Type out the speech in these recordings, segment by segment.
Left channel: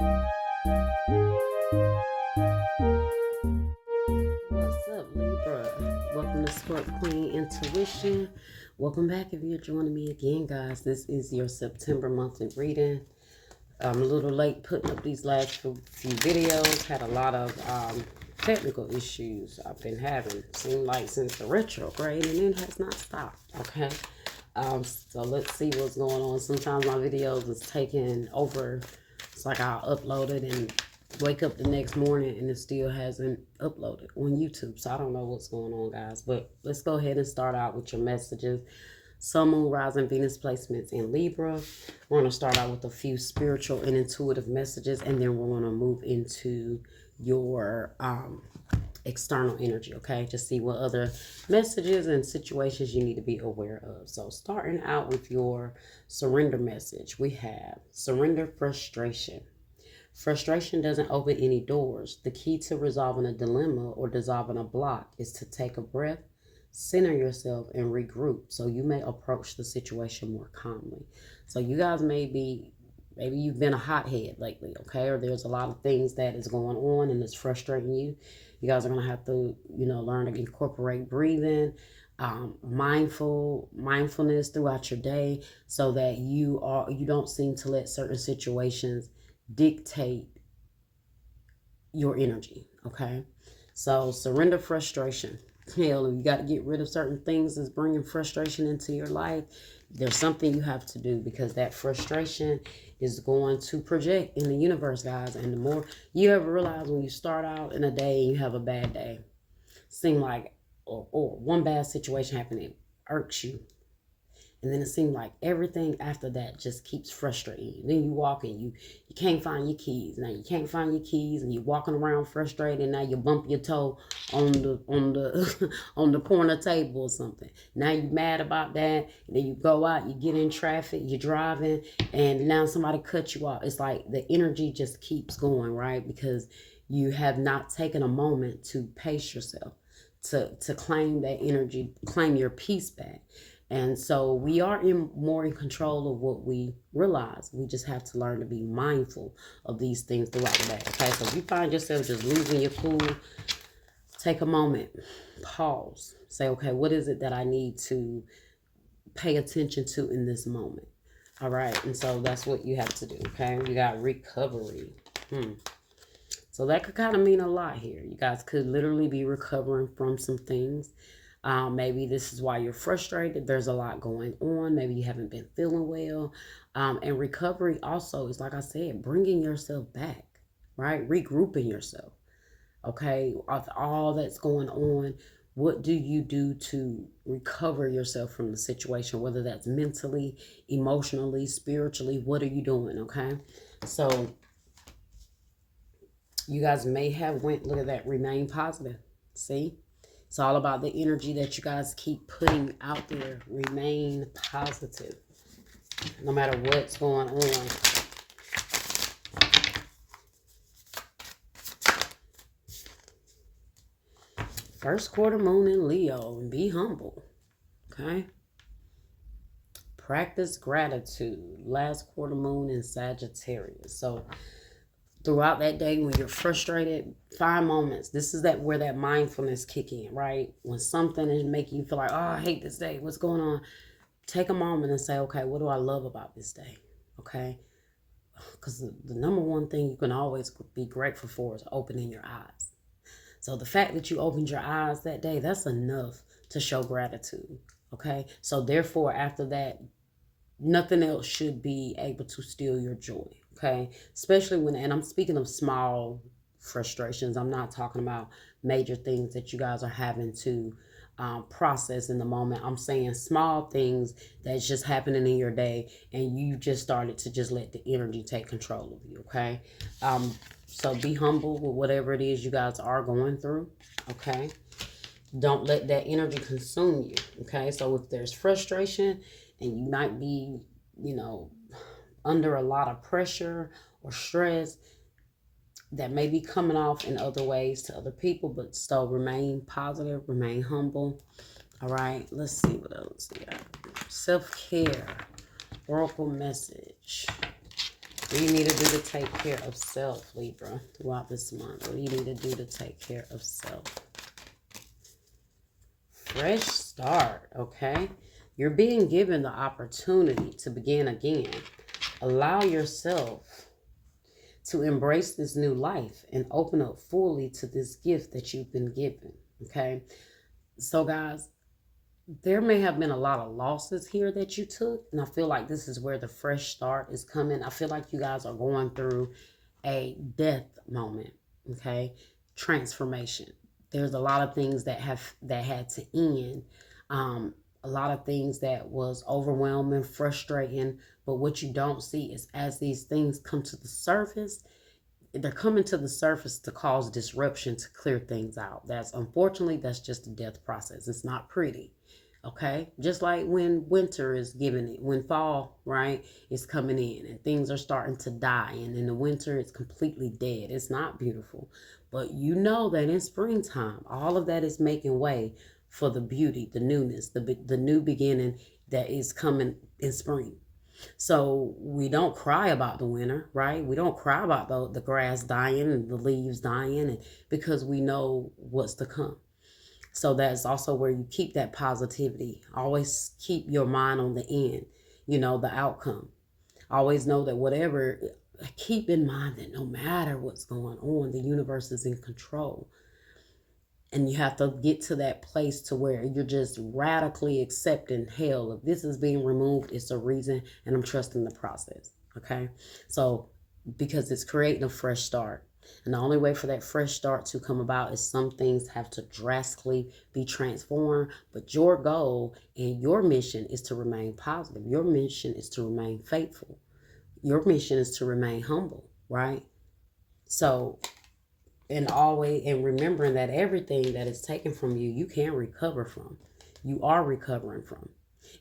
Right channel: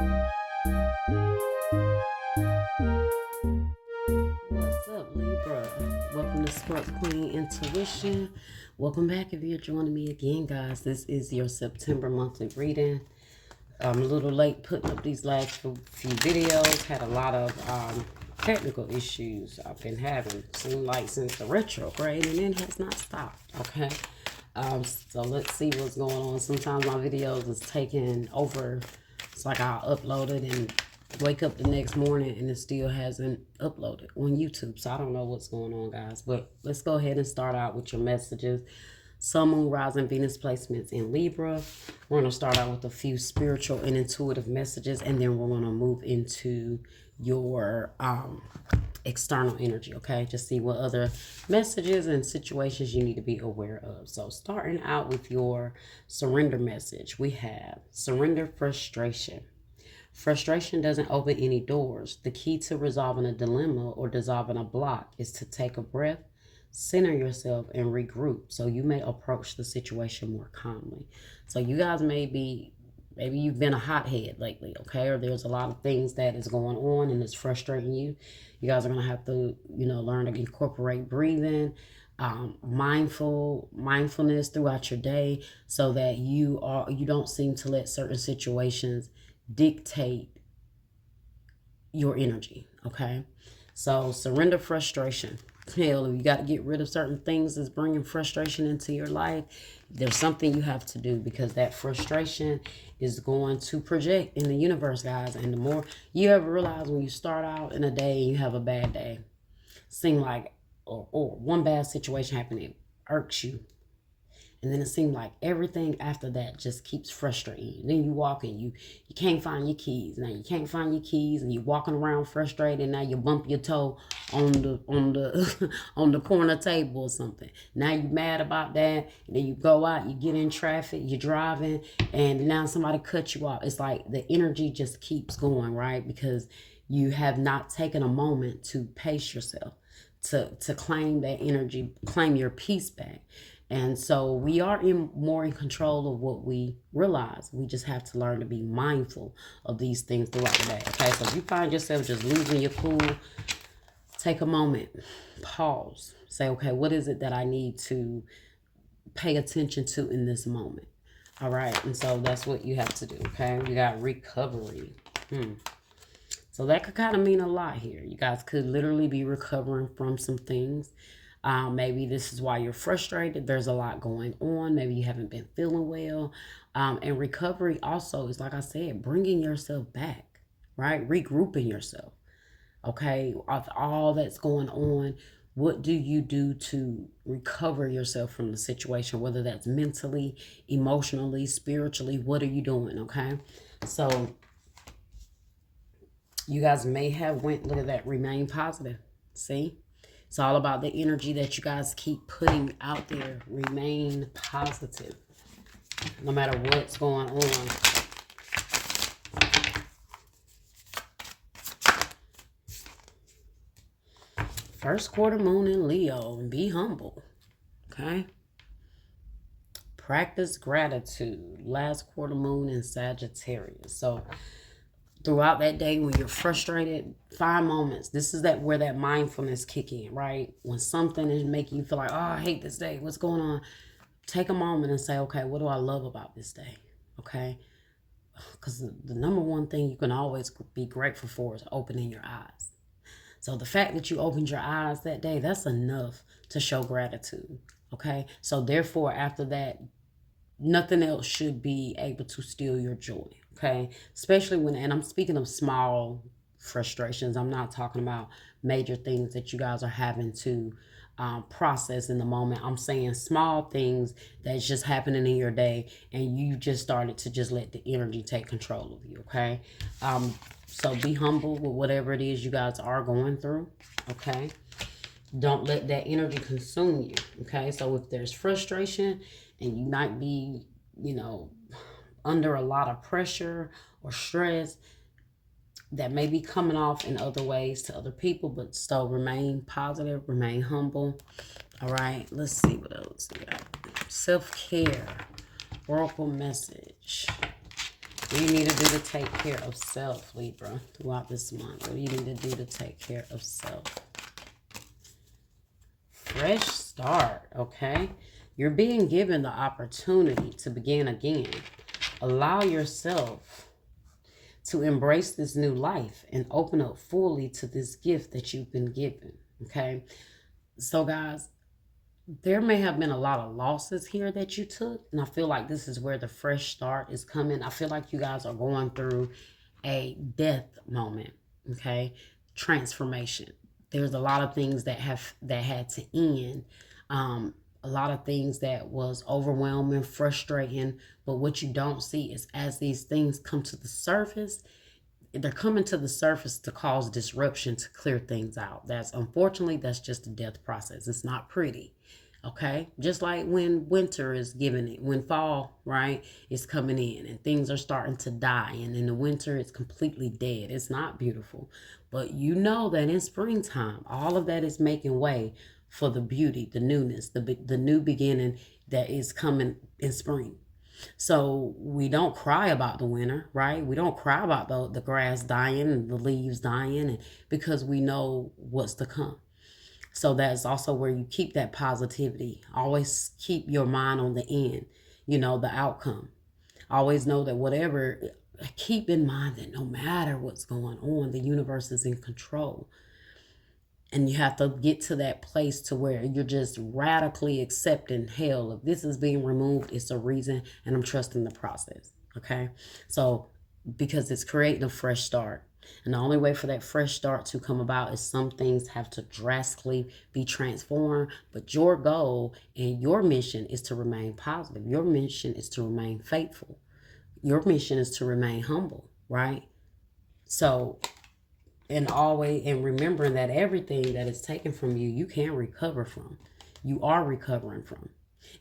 What's up, Libra? Welcome to Spark Queen Intuition. Welcome back if you're joining me again, guys. This is your September monthly reading. I'm a little late putting up these last few videos. Had a lot of technical issues I've been having. Seemed like since the retrograde, and it has not stopped. Okay. So let's see what's going on. Sometimes my videos is taking over. It's like I'll upload it and wake up the next morning and it still hasn't uploaded on YouTube. So I don't know what's going on, guys. But let's go ahead and start out with your messages. Sun, Moon, Rising, Venus placements in Libra. We're going to start out with a few spiritual and intuitive messages, and then we're going to move into your external energy, okay? Just see what other messages and situations you need to be aware of. So starting out with your surrender message, we have surrender frustration. Frustration doesn't open any doors. The key to resolving a dilemma or dissolving a block is to take a breath, center yourself, and regroup so you may approach the situation more calmly. So you guys maybe you've been a hothead lately, okay? Or there's a lot of things that is going on and it's frustrating you. You guys are going to have to, learn to incorporate breathing, mindfulness throughout your day so that you don't seem to let certain situations dictate your energy, okay? So surrender frustration. Hell, if you got to get rid of certain things that's bringing frustration into your life, there's something you have to do, because that frustration is going to project in the universe, guys. And the more you ever realize, when you start out in a day and you have a bad day, seem like, or one bad situation happening, it irks you. And then it seems like everything after that just keeps frustrating you. Then you walk and you can't find your keys. Now you can't find your keys and you're walking around frustrated. And now you bump your toe on the on the corner table or something. Now you're mad about that. And then you go out, you get in traffic, you're driving, and now somebody cut you off. It's like the energy just keeps going, right? Because you have not taken a moment to pace yourself, to claim that energy, claim your peace back. And so we are more in control of what we realize. We just have to learn to be mindful of these things throughout the day. Okay, so if you find yourself just losing your cool, take a moment, pause, say, okay, what is it that I need to pay attention to in this moment? All right, and so that's what you have to do, okay? You got recovery. So that could kind of mean a lot here. You guys could literally be recovering from some things. Maybe this is why you're frustrated. There's a lot going on. Maybe you haven't been feeling well. And recovery also is, like I said, bringing yourself back, right? Regrouping yourself. Okay, of all that's going on, what do you do to recover yourself from the situation? Whether that's mentally, emotionally, spiritually, what are you doing? Okay, so you guys may have look at that, remain positive. See? It's all about the energy that you guys keep putting out there. Remain positive, no matter what's going on. First quarter moon in Leo, and be humble, okay? Practice gratitude. Last quarter moon in Sagittarius. So throughout that day, when you're frustrated, find moments. This is where that mindfulness kick in, right? When something is making you feel like, oh, I hate this day, what's going on? Take a moment and say, okay, what do I love about this day? Okay? Because the number one thing you can always be grateful for is opening your eyes. So the fact that you opened your eyes that day, that's enough to show gratitude. Okay? So therefore, after that, nothing else should be able to steal your joy. Okay, especially and I'm speaking of small frustrations. I'm not talking about major things that you guys are having to process in the moment. I'm saying small things that's just happening in your day, and you just started to just let the energy take control of you. Okay, so be humble with whatever it is you guys are going through. Okay, don't let that energy consume you. Okay, so if there's frustration and you might be, under a lot of pressure or stress, that may be coming off in other ways to other people, but still remain positive, remain humble. All right, let's see what else we got. Self-care, oracle message. What do you need to do to take care of self, Libra, throughout this month? What do you need to do to take care of self? Fresh start, okay? You're being given the opportunity to begin again. Allow yourself to embrace this new life and open up fully to this gift that you've been given, okay? So, guys, there may have been a lot of losses here that you took, and I feel like this is where the fresh start is coming. I feel like you guys are going through a death moment, okay? Transformation. There's a lot of things that had to end. A lot of things that was overwhelming, frustrating, but what you don't see is as these things come to the surface, they're coming to the surface to cause disruption, to clear things out. Unfortunately, that's just a death process. It's not pretty. Okay, just like when winter is giving it, when fall, right, is coming in and things are starting to die, and in the winter it's completely dead. It's not beautiful, but you know that in springtime, all of that is making way for the beauty, the newness, the new beginning that is coming in spring. So we don't cry about the winter, right? We don't cry about the grass dying and the leaves dying, and because we know what's to come. So that's also where you keep that positivity. Always keep your mind on the end, the outcome. Always know that whatever, keep in mind that no matter what's going on, the universe is in control. And you have to get to that place to where you're just radically accepting, hell, if this is being removed, it's a reason, and I'm trusting the process. Okay? So, because it's creating a fresh start. And the only way for that fresh start to come about is some things have to drastically be transformed. But your goal and your mission is to remain positive. Your mission is to remain faithful. Your mission is to remain humble, right? So, and remembering that everything that is taken from you, you can recover from. You are recovering from.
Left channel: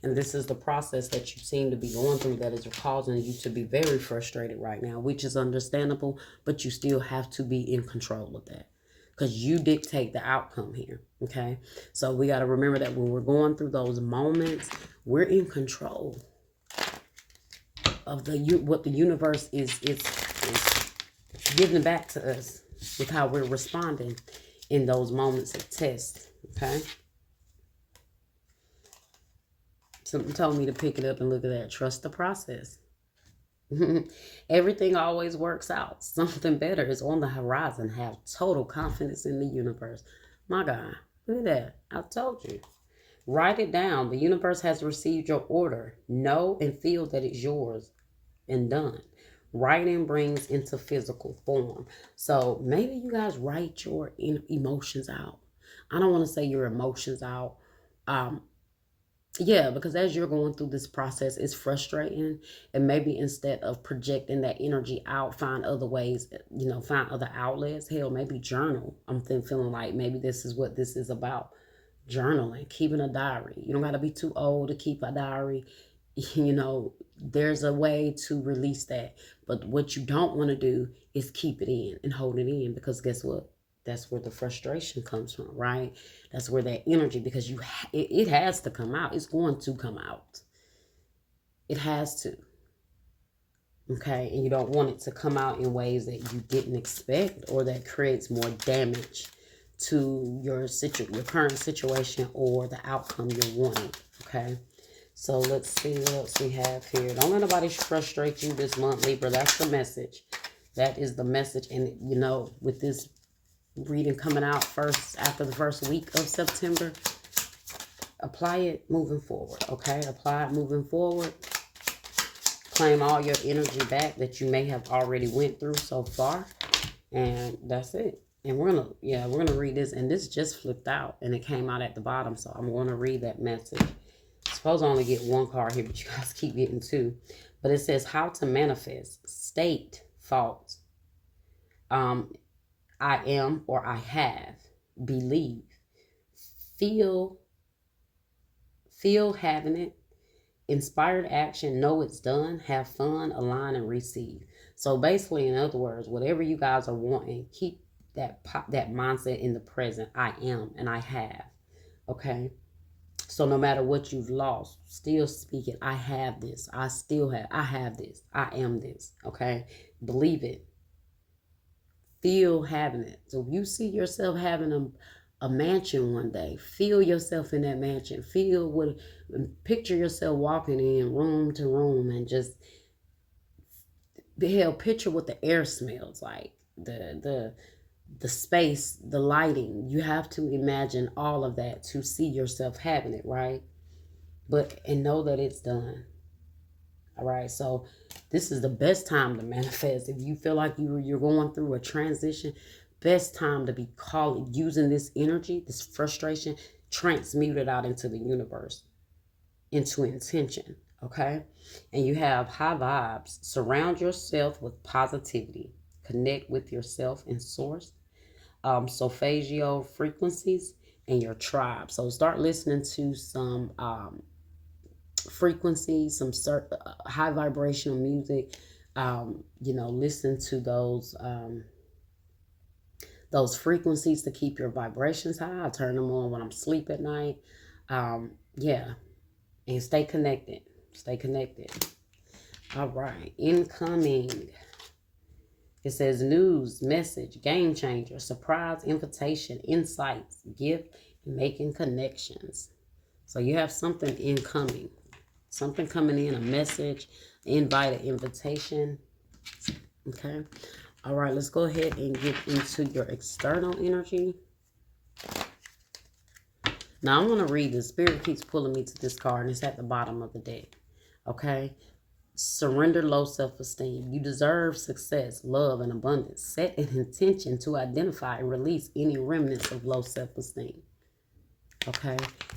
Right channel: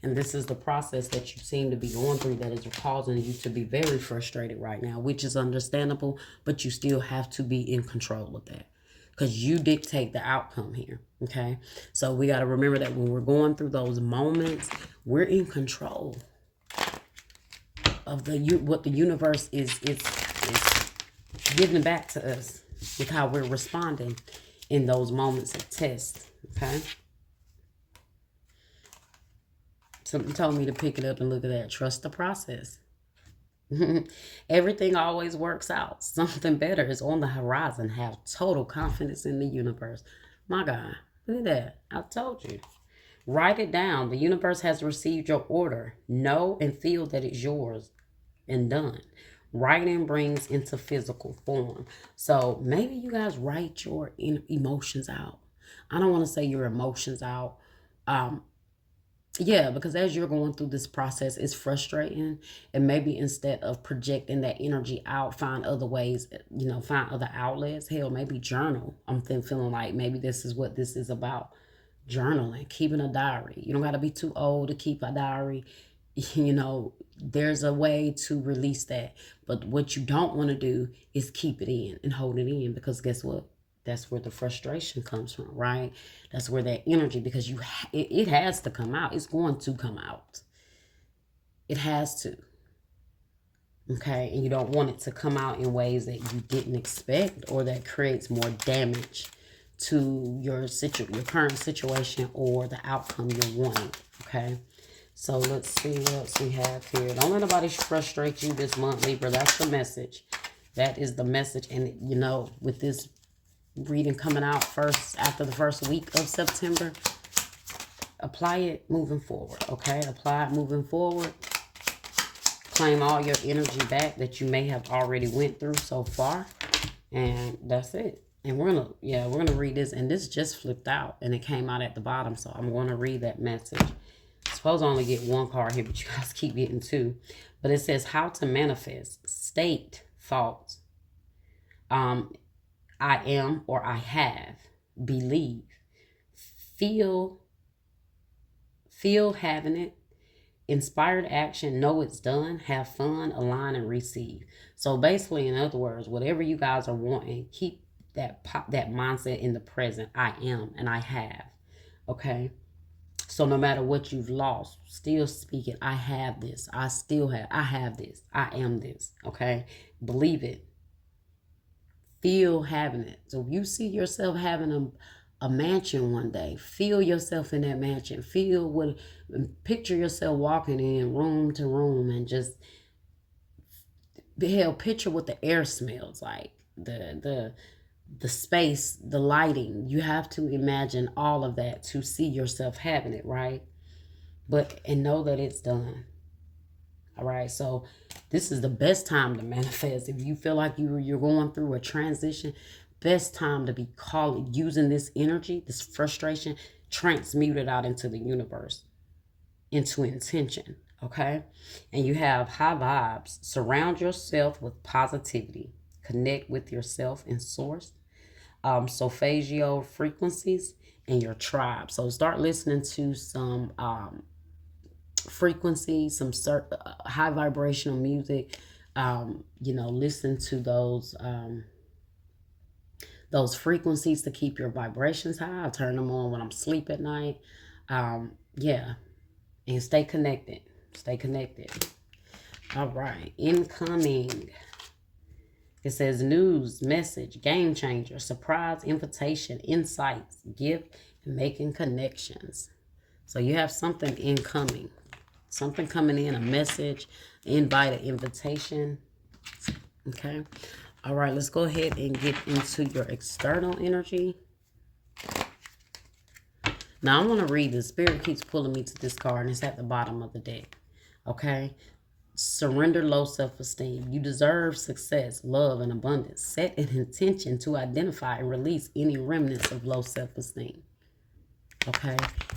And this is the process that you seem to be going through that is causing you to be very frustrated right now, which is understandable, but you still have to be in control of that because you dictate the outcome here, okay? So we got to remember that when we're going through those moments, we're in control of what the universe is giving back to us with how we're responding in those moments of test, okay? Something told me to pick it up and look at that. Trust the process. Everything always works out. Something better is on the horizon. Have total confidence in the universe. My God, look at that. I told you. Write it down. The universe has received your order. Know and feel that it's yours and done. Writing brings into physical form. So maybe you guys write your emotions out. I don't want to say your emotions out. Yeah, because as you're going through this process, it's frustrating. And maybe instead of projecting that energy out, find other ways, find other outlets. Hell, maybe journal. I'm feeling like maybe this is what this is about. Journaling, keeping a diary. You don't got to be too old to keep a diary. There's a way to release that. But what you don't want to do is keep it in and hold it in, because guess what? That's where the frustration comes from, right? That's where that energy, because it has to come out. It's going to come out. It has to. Okay? And you don't want it to come out in ways that you didn't expect or that creates more damage to your current situation or the outcome you're wanting. Okay? So let's see what else we have here. Don't let nobody frustrate you this month, Libra. That's the message. That is the message. And, with this reading coming out after the first week of September, apply it moving forward, okay? Apply it moving forward. Claim all your energy back that you may have already went through so far. And that's it. And we're gonna read this. And this just flipped out and it came out at the bottom. So I'm gonna read that message. I suppose I only get one card here, but you guys keep getting two. But it says how to manifest. State thoughts. I am or I have. Believe. Feel having it. Inspired action. Know it's done. Have fun. Align and receive. So basically, in other words, whatever you guys are wanting, keep that mindset in the present. I am and I have. Okay. So no matter what you've lost, still speaking, I have this. I have this. I am this. Okay? Believe it. Feel having it. So if you see yourself having a mansion one day, feel yourself in that mansion. Picture yourself walking in room to room and just, hell, picture what the air smells like. The space, the lighting. You have to imagine all of that to see yourself having it, right? And know that it's done. All right. So this is the best time to manifest. If you feel like you're going through a transition, best time to be using this energy, this frustration, transmute it out into the universe, into intention. Okay. And you have high vibes. Surround yourself with positivity. Connect with yourself and source. Solfeggio frequencies and your tribe. So start listening to some frequencies, some high vibrational music. Listen to those frequencies to keep your vibrations high. I turn them on when I'm asleep at night. Yeah, and stay connected. Stay connected. All right, incoming. It says news, message, game changer, surprise, invitation, insights, gift, and making connections. So you have something incoming, something coming in, a message, invite, an invitation. Okay. All right, let's go ahead and get into your external energy. Now I want to read this. Spirit keeps pulling me to this card, and it's at the bottom of the deck. Okay. Surrender low self-esteem. You deserve success, love, and abundance. Set an intention to identify and release any remnants of low self-esteem. Okay.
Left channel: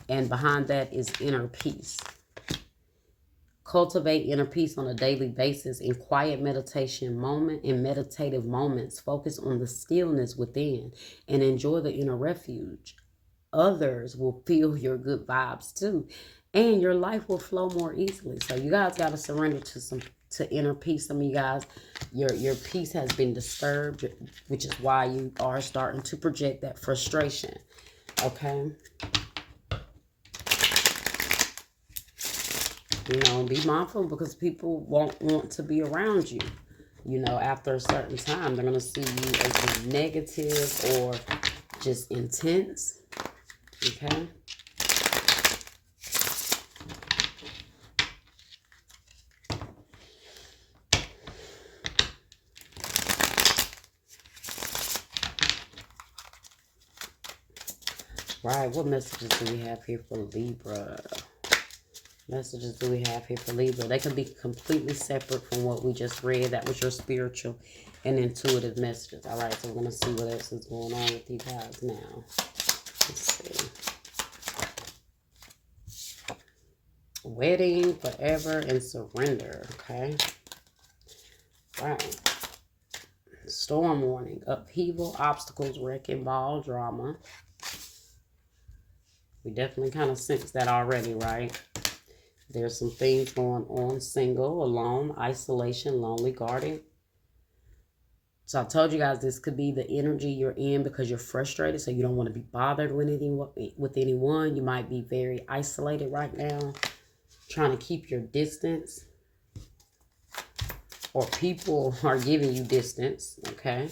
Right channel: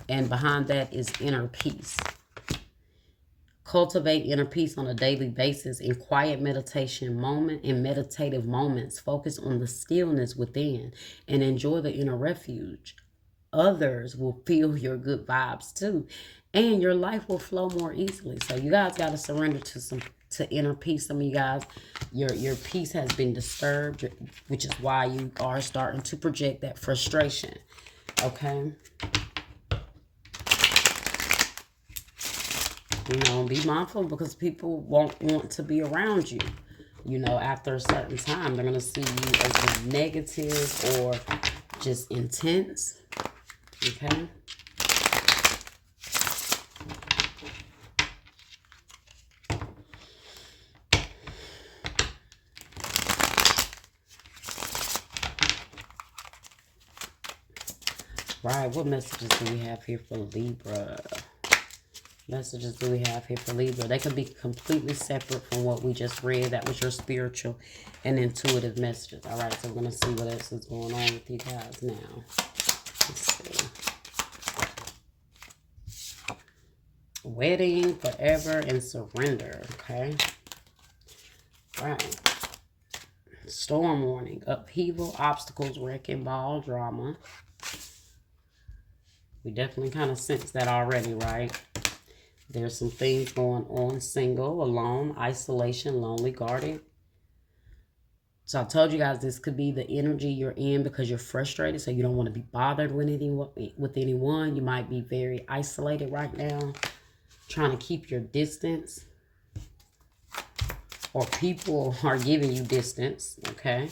And behind that is inner peace. Cultivate inner peace on a daily basis in quiet meditative moments. Focus on the stillness within and enjoy the inner refuge. Others will feel your good vibes too, and your life will flow more easily. So you guys got to surrender to inner peace. Some of you guys, your peace has been disturbed, which is why you are starting to project that frustration. Okay. Be mindful because people won't want to be around you. After a certain time, they're going to see you as negative or just intense. Okay. Right, what messages do we have here for Libra? Messages do we have here for Libra? They can be completely separate from what we just read. That was your spiritual and intuitive messages. All right, so we're going to see what else is going on with you guys now. Let's see. Wedding, forever, and surrender. Okay. All right. Storm warning. Upheaval, obstacles, wrecking ball, drama. We definitely kind of sense that already, right? There's some things going on. Single, alone, isolation, lonely, guarded. So I told you guys this could be the energy you're in because you're frustrated. So you don't want to be bothered with anyone. You might be very isolated right now, trying to keep your distance. Or people are giving you distance, okay?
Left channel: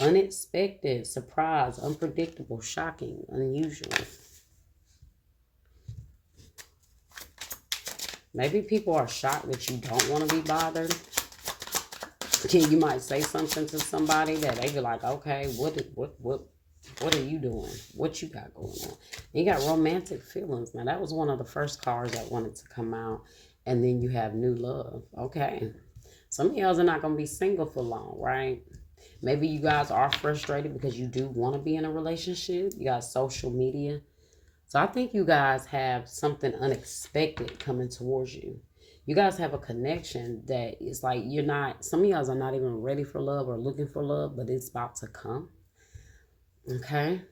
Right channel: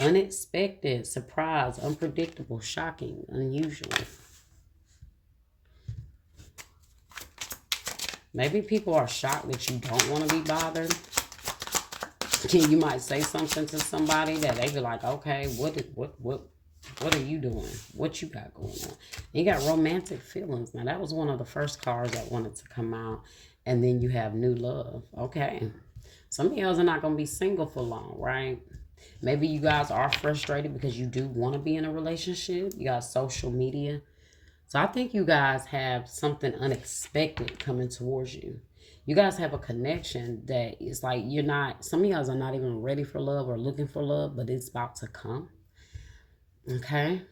Unexpected, surprise, unpredictable, shocking, unusual. Maybe people are shocked that you don't want to be bothered. You might say something to somebody that they be like, okay, what are you doing? What you got going on? You got romantic feelings. Now, that was one of the first cards that wanted to come out. And then you have new love. Okay. Some of y'all are not going to be single for long, right? Maybe you guys are frustrated because you do want to be in a relationship. You got social media. So I think you guys have something unexpected coming towards you. You guys have a connection that is like some of y'all are not even ready for love or looking for love, but it's about to come. Okay.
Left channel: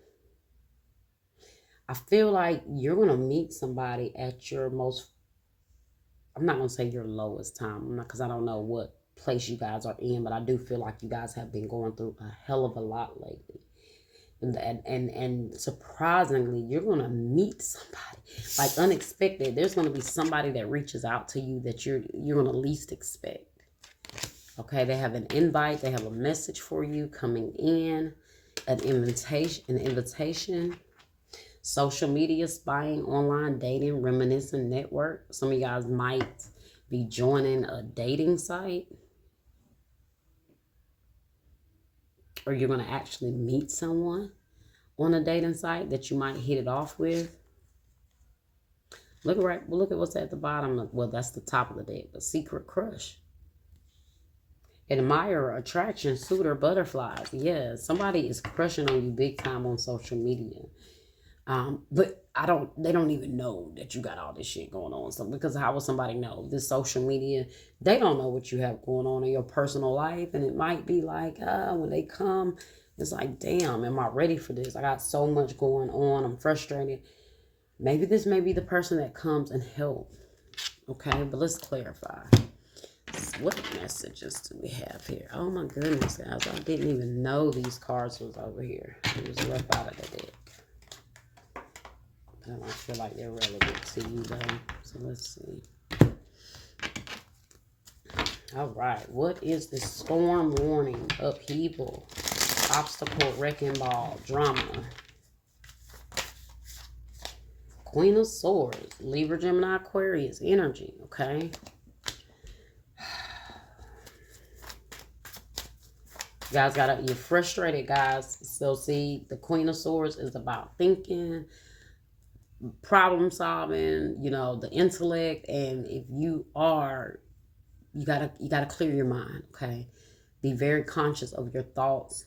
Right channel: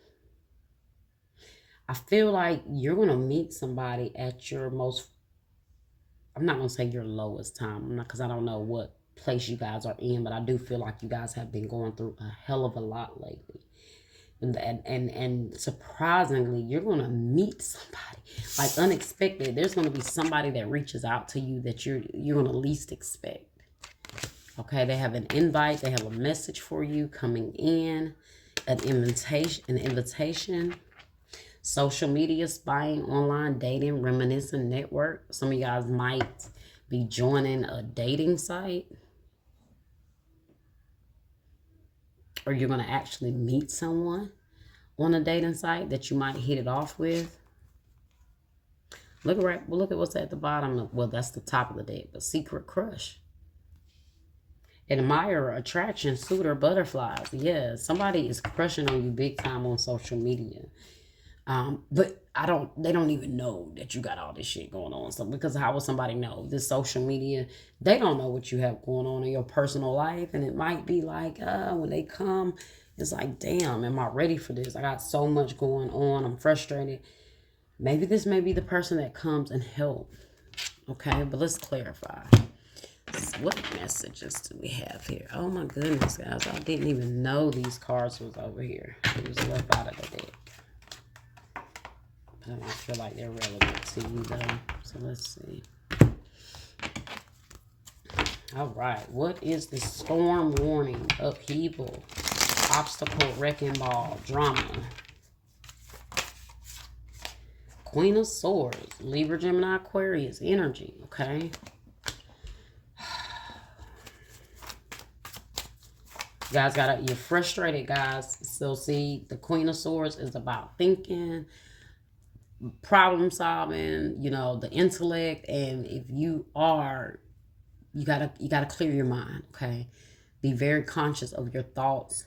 I feel like you're going to meet somebody at your most, I'm not going to say your lowest time, because I don't know what place you guys are in, but I do feel like you guys have been going through a hell of a lot lately. and surprisingly, you're gonna meet somebody like unexpected. There's gonna be somebody that reaches out to you that you're gonna least expect. Okay, they have an invite, they have a message for you coming in, an invitation. Social media, spying, online dating, reminiscent network. Some of you guys might be joining a dating site, or you're going to actually meet someone on a dating site that you might hit it off with. Look at what's at the bottom. Well, that's the top of the deck, but secret crush. Admirer, attraction, suitor, butterflies. Yeah, somebody is crushing on you big time on social media. But they don't even know that you got all this shit going on. So because how would somebody know? This social media, they don't know what you have going on in your personal life. And it might be like, when they come, it's like, damn, am I ready for this? I got so much going on. I'm frustrated. Maybe this may be the person that comes and help. Okay, but let's clarify. What messages do we have here? Oh my goodness, guys. I didn't even know these cards was over here. It was left out of the deck. I don't feel like they're relevant to you though. So let's see. All right. What is the storm warning? Upheaval, obstacle, wrecking ball, drama. Queen of Swords, Libra, Gemini, Aquarius, energy. Okay. You guys you're frustrated, guys. So see, the Queen of Swords is about thinking, problem solving, the intellect. And if you are, you gotta clear your mind. Okay, be very conscious of your thoughts,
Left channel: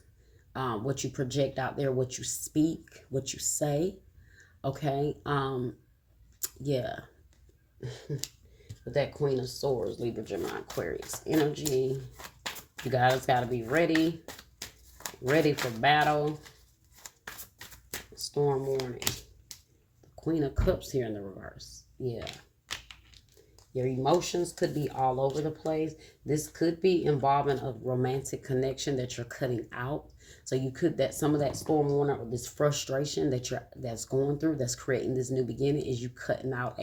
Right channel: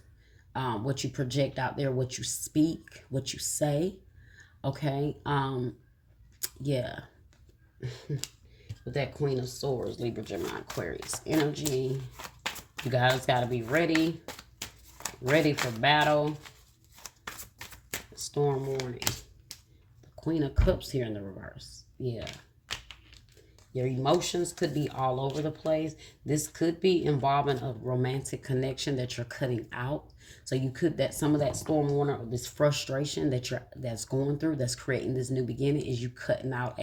what you project out there, what you speak, what you say. Okay, yeah. With that Queen of Swords, Libra, Gemini, Aquarius energy, you guys gotta be ready for battle. Storm warning. Queen of Cups here in the reverse. Yeah. Your emotions could be all over the place. This could be involving a romantic connection that you're cutting out. So you could, that some of that storm warning or this frustration that's going through, that's creating this new beginning, is you cutting out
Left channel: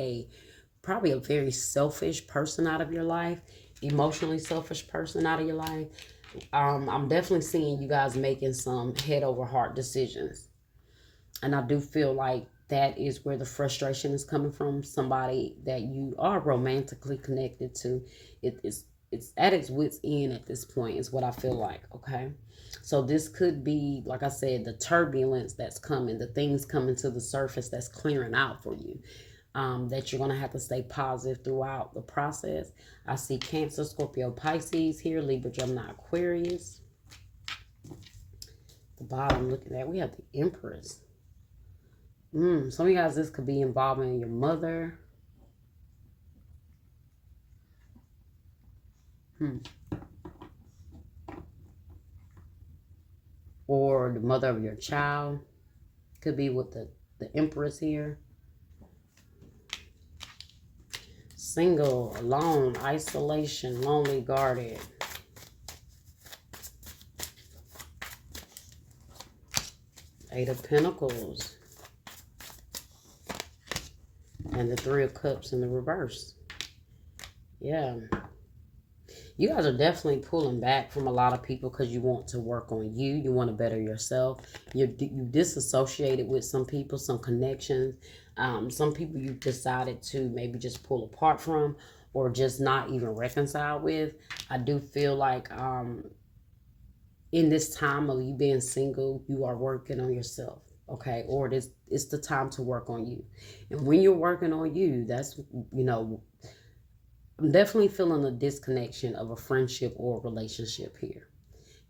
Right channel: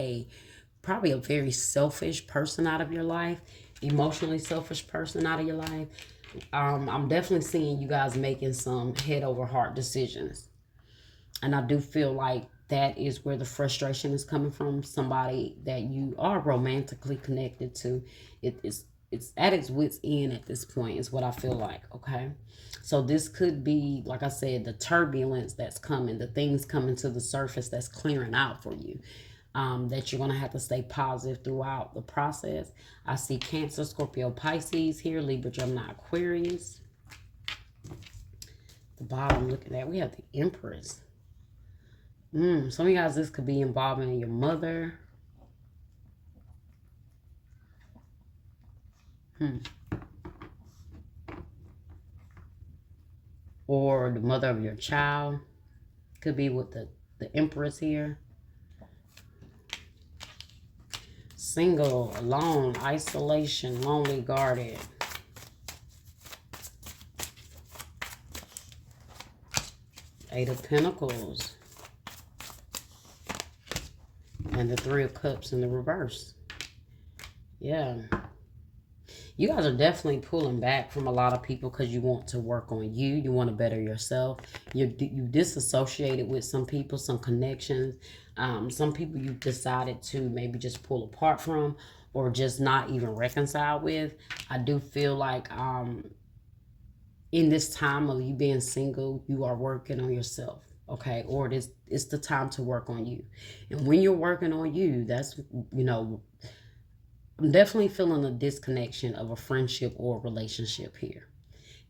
probably a very selfish person out of your life, emotionally selfish person out of your life. I'm definitely seeing you guys making some head over heart decisions. And I do feel like that is where the frustration is coming from. Somebody that you are romantically connected to. It's at its wit's end at this point, is what I feel like. Okay. So this could be, like I said, the turbulence that's coming, the things coming to the surface that's clearing out for you. That you're going to have to stay positive throughout the process. I see Cancer, Scorpio, Pisces here, Libra, Gemini, Aquarius. The bottom, look at that. We have the Empress. Some of you guys, this could be involving your mother. Or the mother of your child. Could be with the Empress here. Single, alone, isolation, lonely, guarded. Eight of Pentacles. And the Three of Cups in the reverse. Yeah. You guys are definitely pulling back from a lot of people because you want to work on you. You want to better yourself. You disassociated with some people, some connections. Some people you decided to maybe just pull apart from or just not even reconcile with. I do feel like in this time of you being single, you are working on yourself. Okay, or it's the time to work on you. And when you're working on you, that's, I'm definitely feeling a disconnection of a friendship or a relationship here.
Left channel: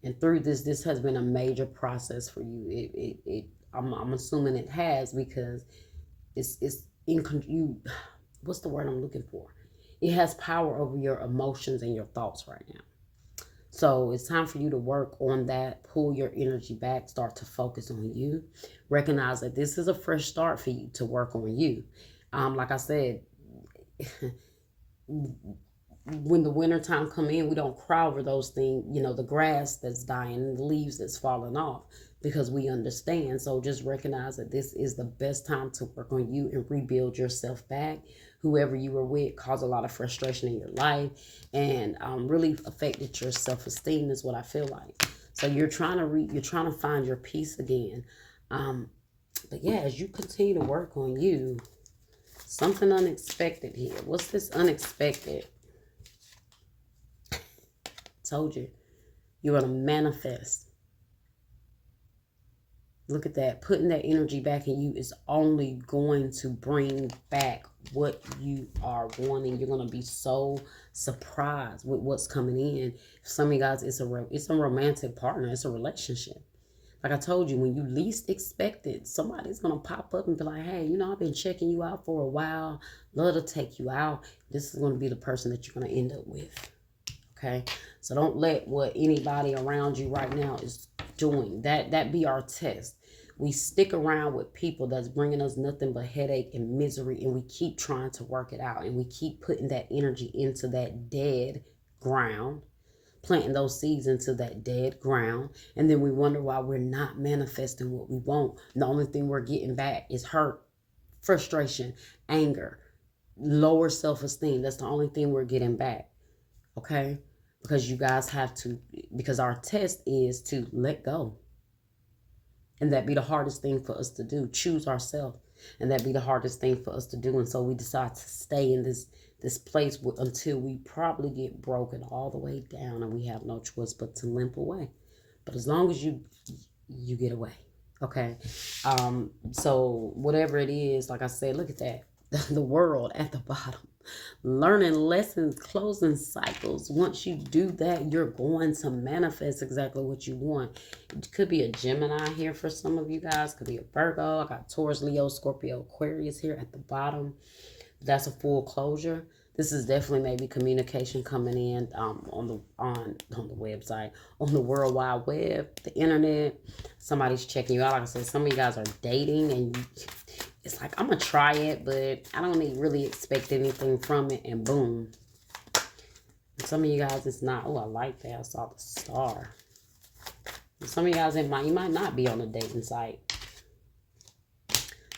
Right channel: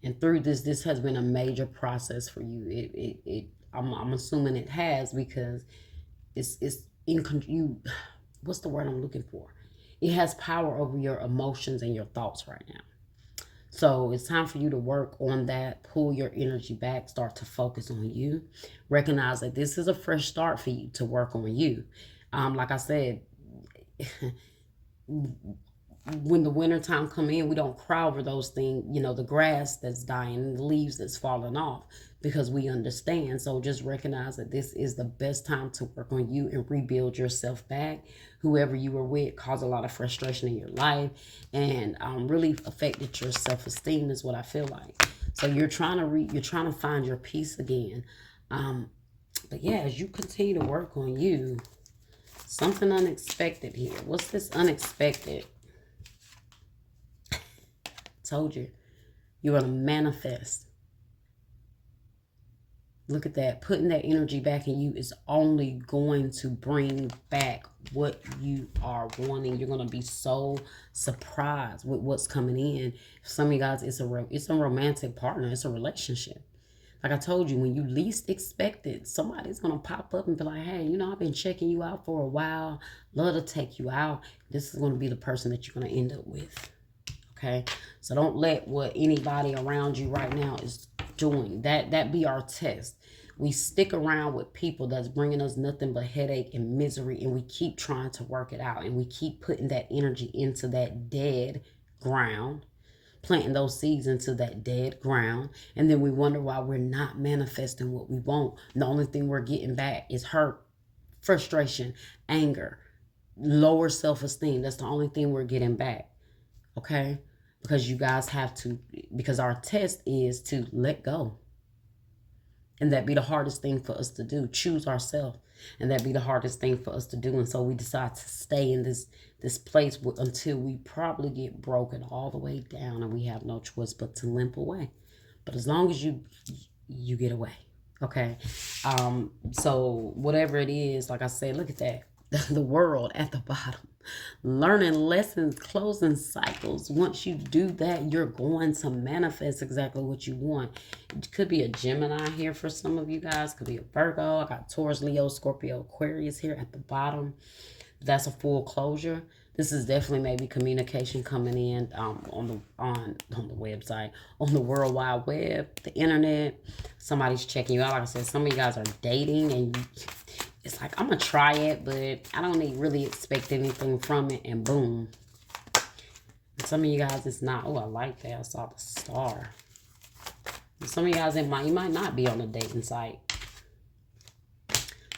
And through this has been a major process for you. I'm assuming it has, because it's you. What's the word I'm looking for? It has power over your emotions and your thoughts right now. So it's time for you to work on that, pull your energy back, start to focus on you. Recognize that this is a fresh start for you to work on you. Like I said, when the winter time come in, we don't cry over those things, the grass that's dying, the leaves that's falling off, because we understand. So just recognize that this is the best time to work on you and rebuild yourself back. Whoever you were with caused a lot of frustration in your life, and really affected your self-esteem, is what I feel like. So you're trying to find your peace again. But yeah, as you continue to work on you, something unexpected here. What's this unexpected? Told you. You're going to manifest. Look at that. Putting that energy back in you is only going to bring back what you are wanting. You're going to be so surprised with what's coming in. Some of you guys, it's a romantic partner. It's a relationship. Like I told you, when you least expect it, somebody's going to pop up and be like, hey, I've been checking you out for a while. Love to take you out. This is going to be the person that you're going to end up with. Okay? So don't let what anybody around you right now is doing, that be our test. We stick around with people that's bringing us nothing but headache and misery, and we keep trying to work it out, and we keep putting that energy into that dead ground, planting those seeds into that dead ground, and then we wonder why we're not manifesting what we want. The only thing we're getting back is hurt, frustration, anger, lower self-esteem. That's the only thing we're getting back. Okay? Because you guys have to, because our test is to let go. And that be the hardest thing for us to do. Choose ourselves. And that be the hardest thing for us to do. And so we decide to stay in this place until we probably get broken all the way down, and we have no choice but to limp away. But as long as you get away. Okay. So whatever it is, like I said, look at that. The world at the bottom. Learning lessons, closing cycles. Once you do that, you're going to manifest exactly what you want. It could be a Gemini here for some of you guys. Could be a Virgo. I got Taurus, Leo, Scorpio, Aquarius here at the bottom. That's a full closure. This is definitely maybe communication coming in on the website, on the World Wide Web, the internet. Somebody's checking you out. Like I said, some of you guys are dating, and it's like, I'm going to try it, but I don't really expect anything from it, and boom. Some of you guys, it's not. Oh, I like that. I saw the star. And some of you guys, you might not be on a dating site.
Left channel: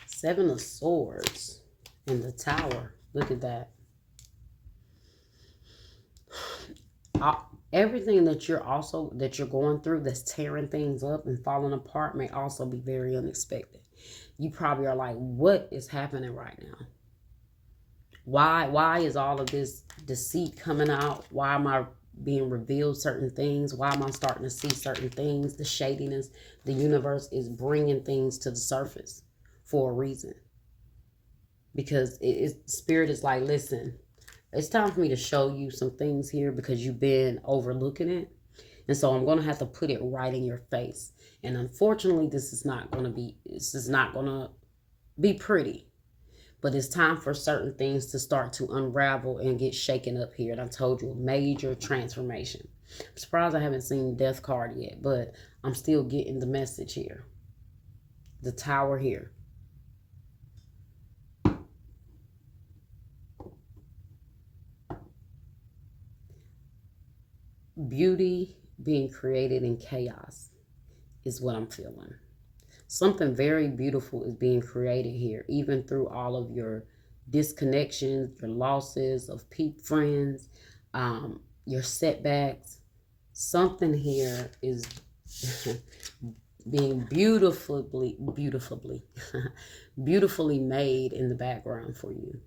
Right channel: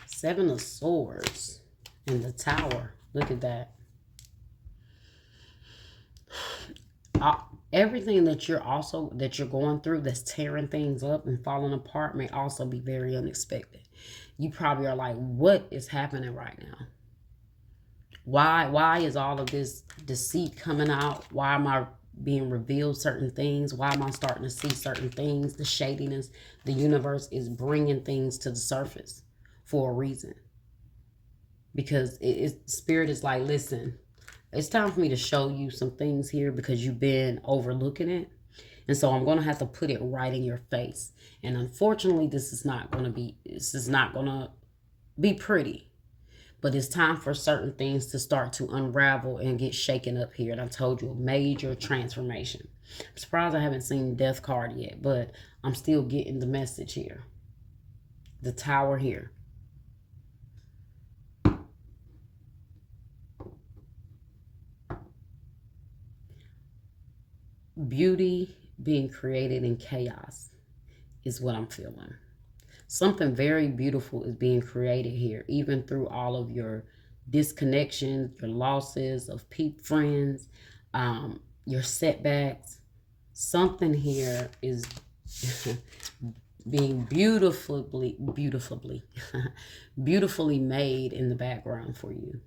Seven of Swords and the Tower. Look at that. Everything that you're going through that's tearing things up and falling apart may also be very unexpected. You probably are like, what is happening right now? Why is all of this deceit coming out? Why am I being revealed certain things? Why am I starting to see certain things? The shadiness, the universe is bringing things to the surface for a reason. Because Spirit is like, listen, it's time for me to show you some things here because you've been overlooking it. And so I'm going to have to put it right in your face. And unfortunately, this is not going to be pretty. But it's time for certain things to start to unravel and get shaken up here. And I told you, a major transformation. I'm surprised I haven't seen Death card yet, but I'm still getting the message here. The Tower here. Beauty being created in chaos is what I'm feeling. Something very beautiful is being created here, even through all of your disconnections, your losses of friends, your setbacks. Something here is being beautifully made in the background for you.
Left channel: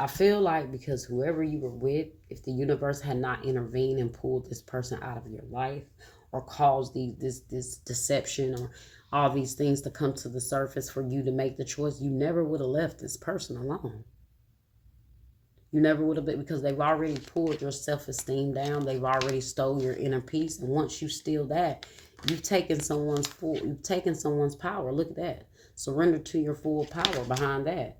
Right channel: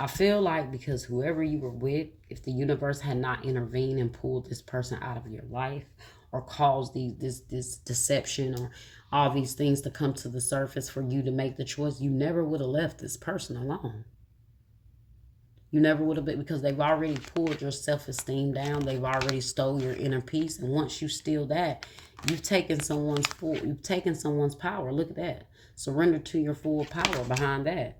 I feel like because whoever you were with, if the universe had not intervened and pulled this person out of your life, or caused this deception or all these things to come to the surface for you to make the choice, you never would have left this person alone. You never would have been, because they've already pulled your self-esteem down. They've already stole your inner peace. And once you steal that, you've taken someone's power. Look at that. Surrender to your full power behind that.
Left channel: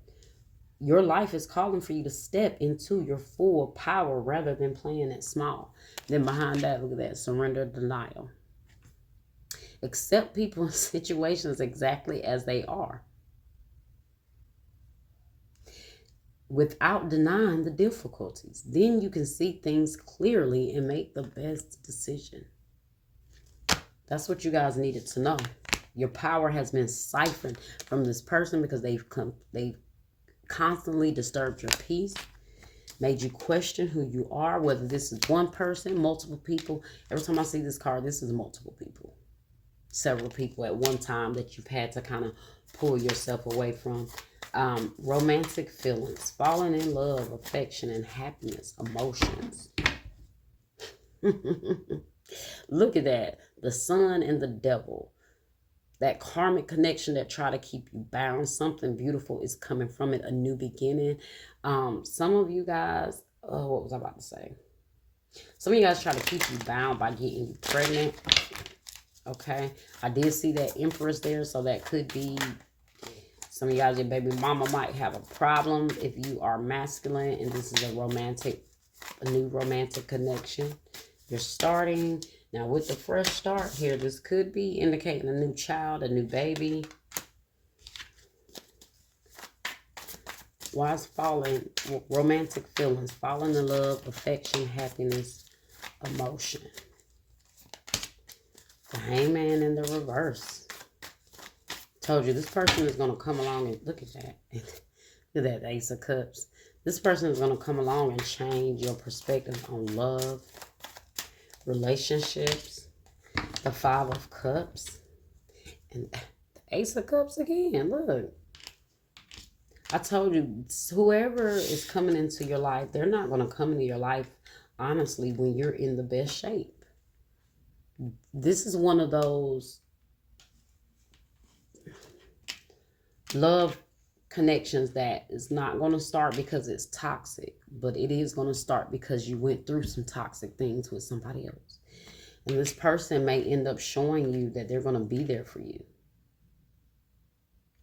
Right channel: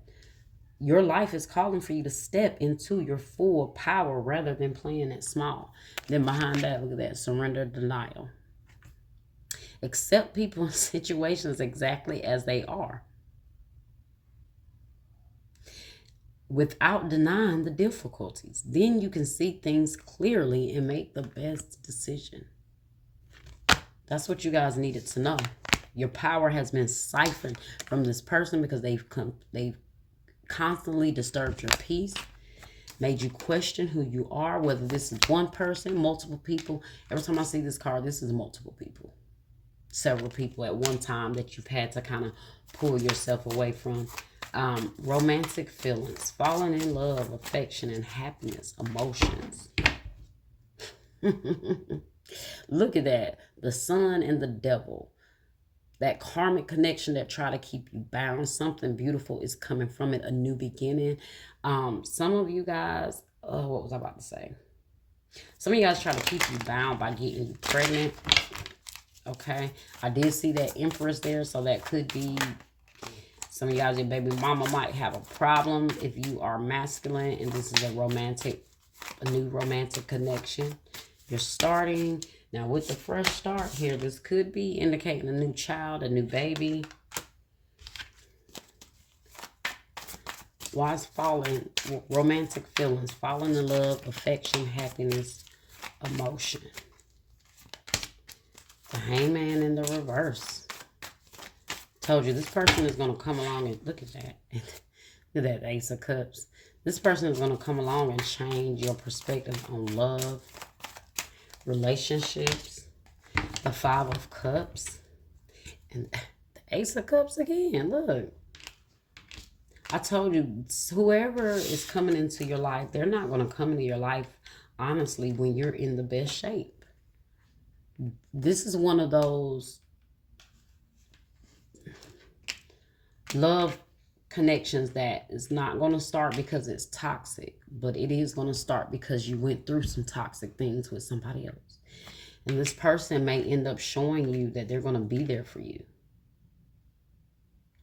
Your life is calling for you to step into your full power rather than playing it small. Then behind that, look at that. Surrender, denial. Accept people and situations exactly as they are. without denying the difficulties. Then you can see things clearly and make the best decision. That's what you guys needed to know. Your power has been siphoned from this person because they've constantly disturbed your peace, made you question who you are, whether this is one person, multiple people. Every time I see this card, this is multiple people. Several people at one time that you've had to kind of pull yourself away from. Romantic feelings, falling in love, affection, and happiness, emotions. Look at that. The sun and the devil. That karmic connection that try to keep you bound. Something beautiful is coming from it. A new beginning. Some of you guys, what was I about to say? Some of you guys try to keep you bound by getting you pregnant. Okay. I did see that Empress there. So that could be some of you guys, your baby mama might have a problem if you are masculine. And this is a new romantic connection. You're starting. Now, with the fresh start here, this could be indicating a new child, a new baby. Why is falling? Romantic feelings, falling in love, affection, happiness, emotion. The Hangman in the reverse. Told you, this person is going to come along and look at that. Look at that Ace of Cups. This person is going to come along and change your perspective on love, relationships, the Five of Cups, and the Ace of Cups again. Look, I told you, whoever is coming into your life, they're not going to come into your life, honestly, when you're in the best shape. This is one of those love connections that is not going to start because it's toxic, but it is going to start because you went through some toxic things with somebody else. And this person may end up showing you that they're going to be there for you.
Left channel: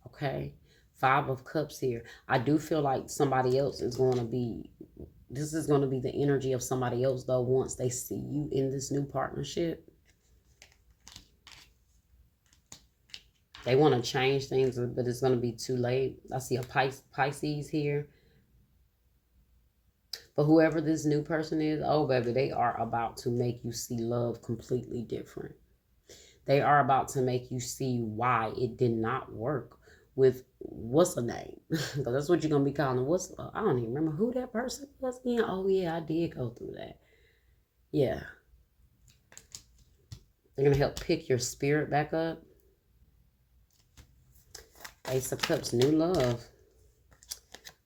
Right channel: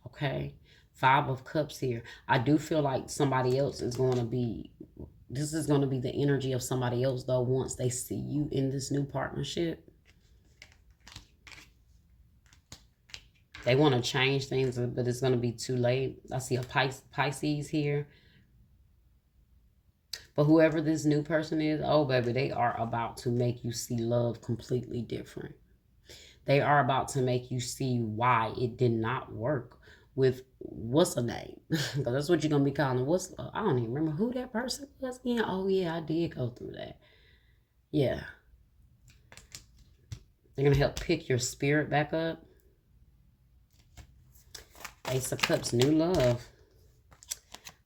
Okay? Five of Cups here. I do feel like somebody else is going to be, this is going to be the energy of somebody else, though, once they see you in this new partnership. They want to change things, but it's going to be too late. I see a Pisces here. But whoever this new person is, oh, baby, they are about to make you see love completely different. They are about to make you see why it did not work with, what's her name? Because that's what you're going to be calling. I don't even remember who that person was again. Oh, yeah, I did go through that. Yeah. They're going to help pick your spirit back up. Ace of Cups, new love.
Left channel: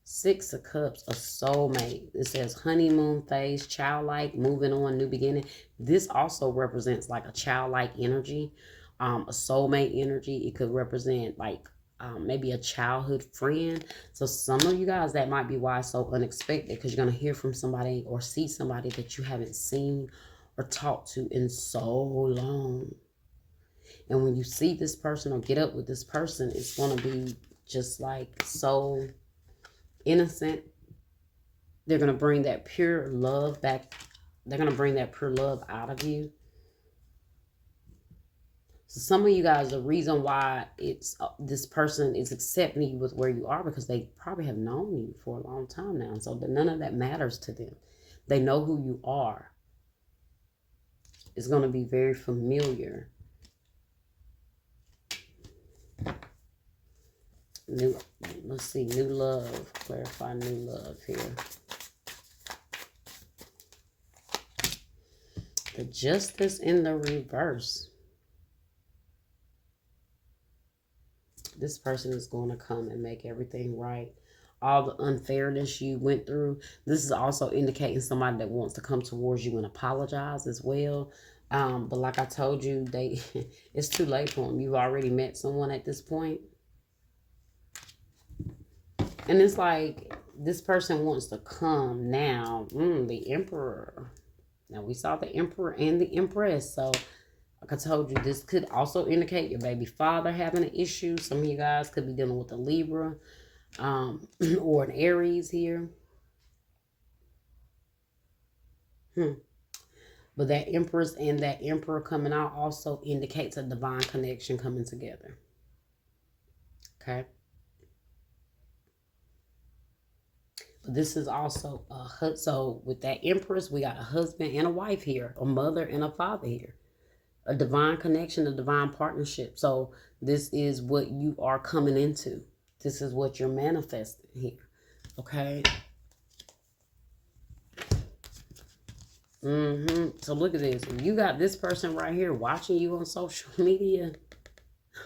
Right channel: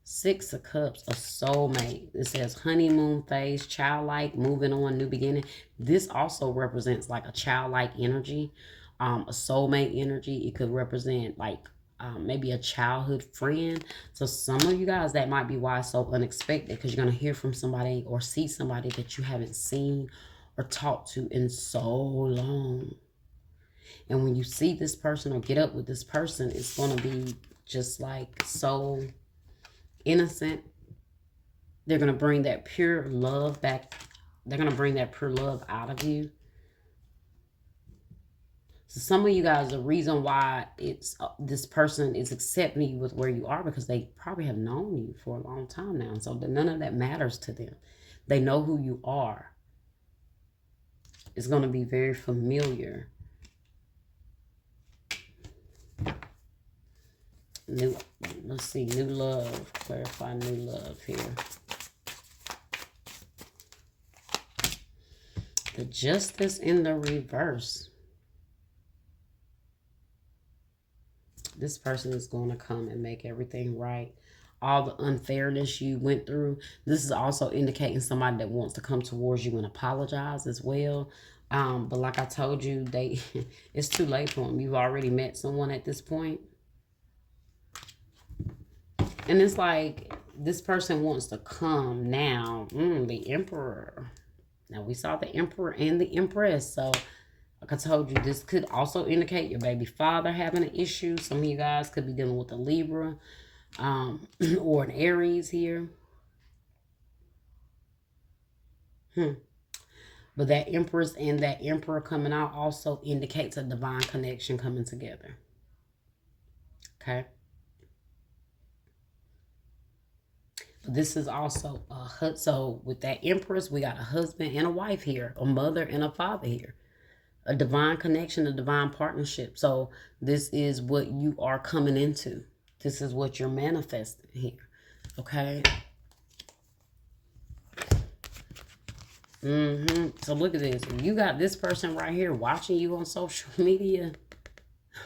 Six of Cups, a soulmate. It says honeymoon phase, childlike, moving on, new beginning. This also represents like a childlike energy, a soulmate energy. It could represent like maybe a childhood friend. So some of you guys, that might be why it's so unexpected, because you're going to hear from somebody or see somebody that you haven't seen or talked to in so long. And when you see this person or get up with this person, it's going to be just like so innocent. They're going to bring that pure love back. They're going to bring that pure love out of you. So some of you guys, the reason why it's this person is accepting you with where you are, because they probably have known you for a long time now. And so none of that matters to them. They know who you are. It's going to be very familiar. Let's see, new love. Clarify new love here. The Justice in the reverse. This person is going to come and make everything right. All the unfairness you went through. This is also indicating somebody that wants to come towards you and apologize as well. But like I told you, it's too late for them. You've already met someone at this point. And it's like this person wants to come now. The Emperor. Now we saw the Emperor and the Empress. So like I told you, this could also indicate your baby father having an issue. Some of you guys could be dealing with a Libra or an Aries here. But that Empress and that Emperor coming out also indicates a divine connection coming together. Okay. This is also so with that Empress, we got a husband and a wife here, a mother and a father here, a divine connection, a divine partnership. So this is what you are coming into. This is what you're manifesting here. Okay. So look at this. You got this person right here watching you on social media.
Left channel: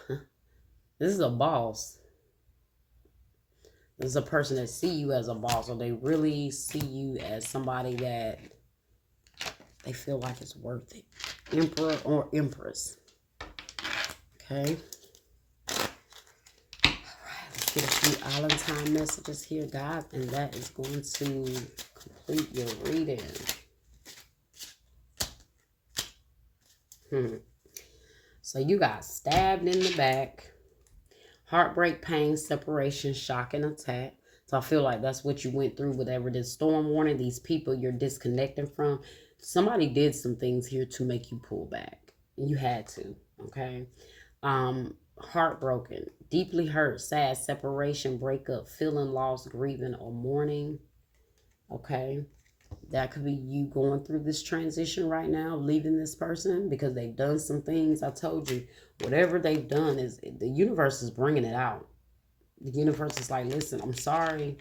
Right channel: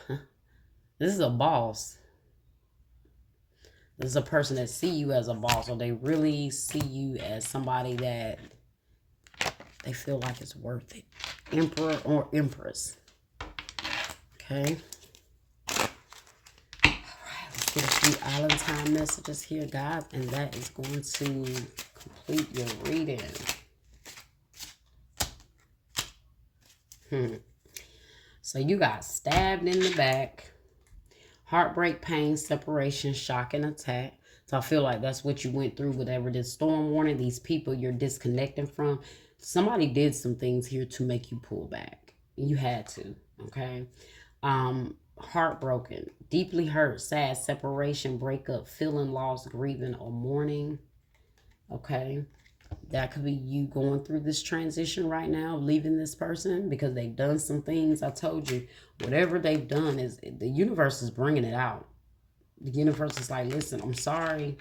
This is a boss. This is a person that see you as a boss, or they really see you as somebody that they feel like it's worth it. Emperor or Empress. Okay. All right, let's get a few island time messages here, guys, and that is going to complete your reading. So you got stabbed in the back, heartbreak, pain, separation, shock, and attack. So I feel like that's what you went through, whatever this storm warning, these people you're disconnecting from. Somebody did some things here to make you pull back. You had to, okay? Heartbroken, deeply hurt, sad, separation, breakup, feeling lost, grieving, or mourning, okay? That could be you going through this transition right now, leaving this person because they've done some things. I told you, whatever they've done is the universe is bringing it out. The universe is like, listen, I'm sorry,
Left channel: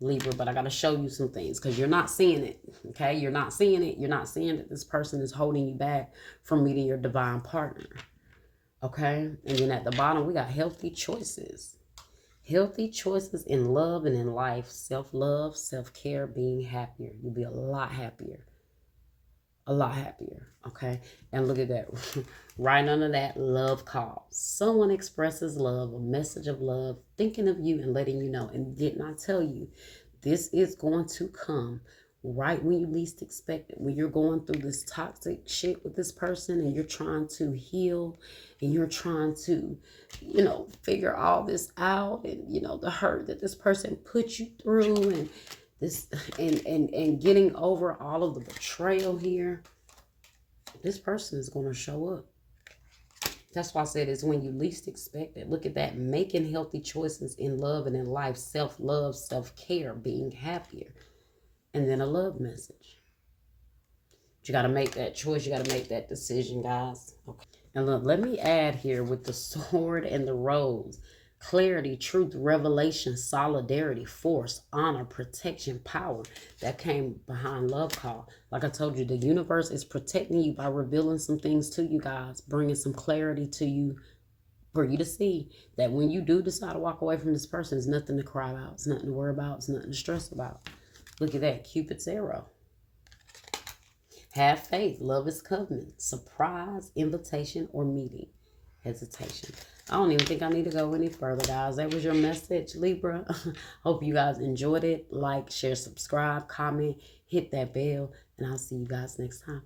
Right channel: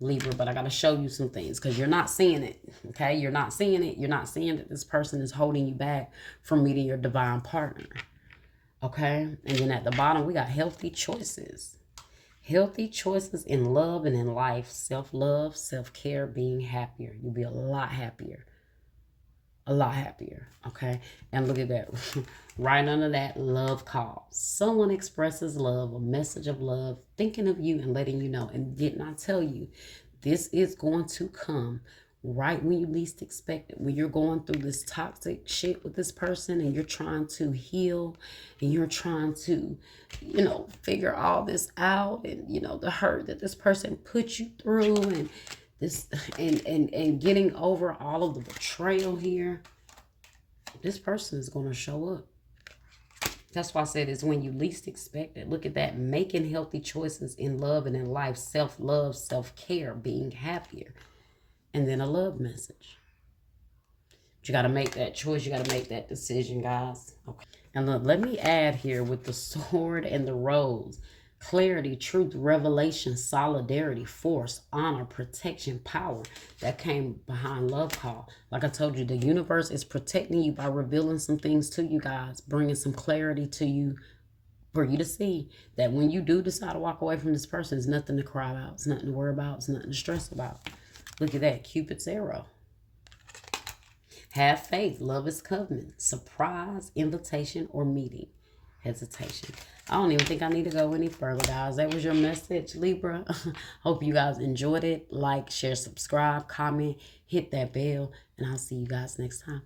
Libra, but I got to show you some things because you're not seeing it. Okay, you're not seeing it. You're not seeing that this person is holding you back from meeting your divine partner. Okay, and then at the bottom we got healthy choices. Healthy choices in love and in life, self-love, self-care, being happier. You'll be a lot happier. A lot happier, okay? And look at that. Right under that, love call. Someone expresses love, a message of love, thinking of you and letting you know. And didn't I tell you, this is going to come right when you least expect it. When you're going through this toxic shit with this person and you're trying to heal and you're trying to, figure all this out and, the hurt that this person put you through and this and getting over all of the betrayal here. This person is going to show up. That's why I said it's when you least expect it. Look at that. Making healthy choices in love and in life. Self-love, self-care, being happier. And then a love message. But you got to make that choice. You got to make that decision, guys. Okay. And look, let me add here with the sword and the rose. Clarity, truth, revelation, solidarity, force, honor, protection, power. That came behind love call. Like I told you, the universe is protecting you by revealing some things to you guys, bringing some clarity to you for you to see that when you do decide to walk away from this person, there's nothing to cry about. It's nothing to worry about. It's nothing to stress about. Look at that. Cupid's arrow. Have faith. Love is covenant. Surprise, invitation, or meeting. Hesitation. I don't even think I need to go any further, guys. That was your message, Libra. Hope you guys enjoyed it. Like, share, subscribe, comment, hit that bell, and I'll see you guys next time.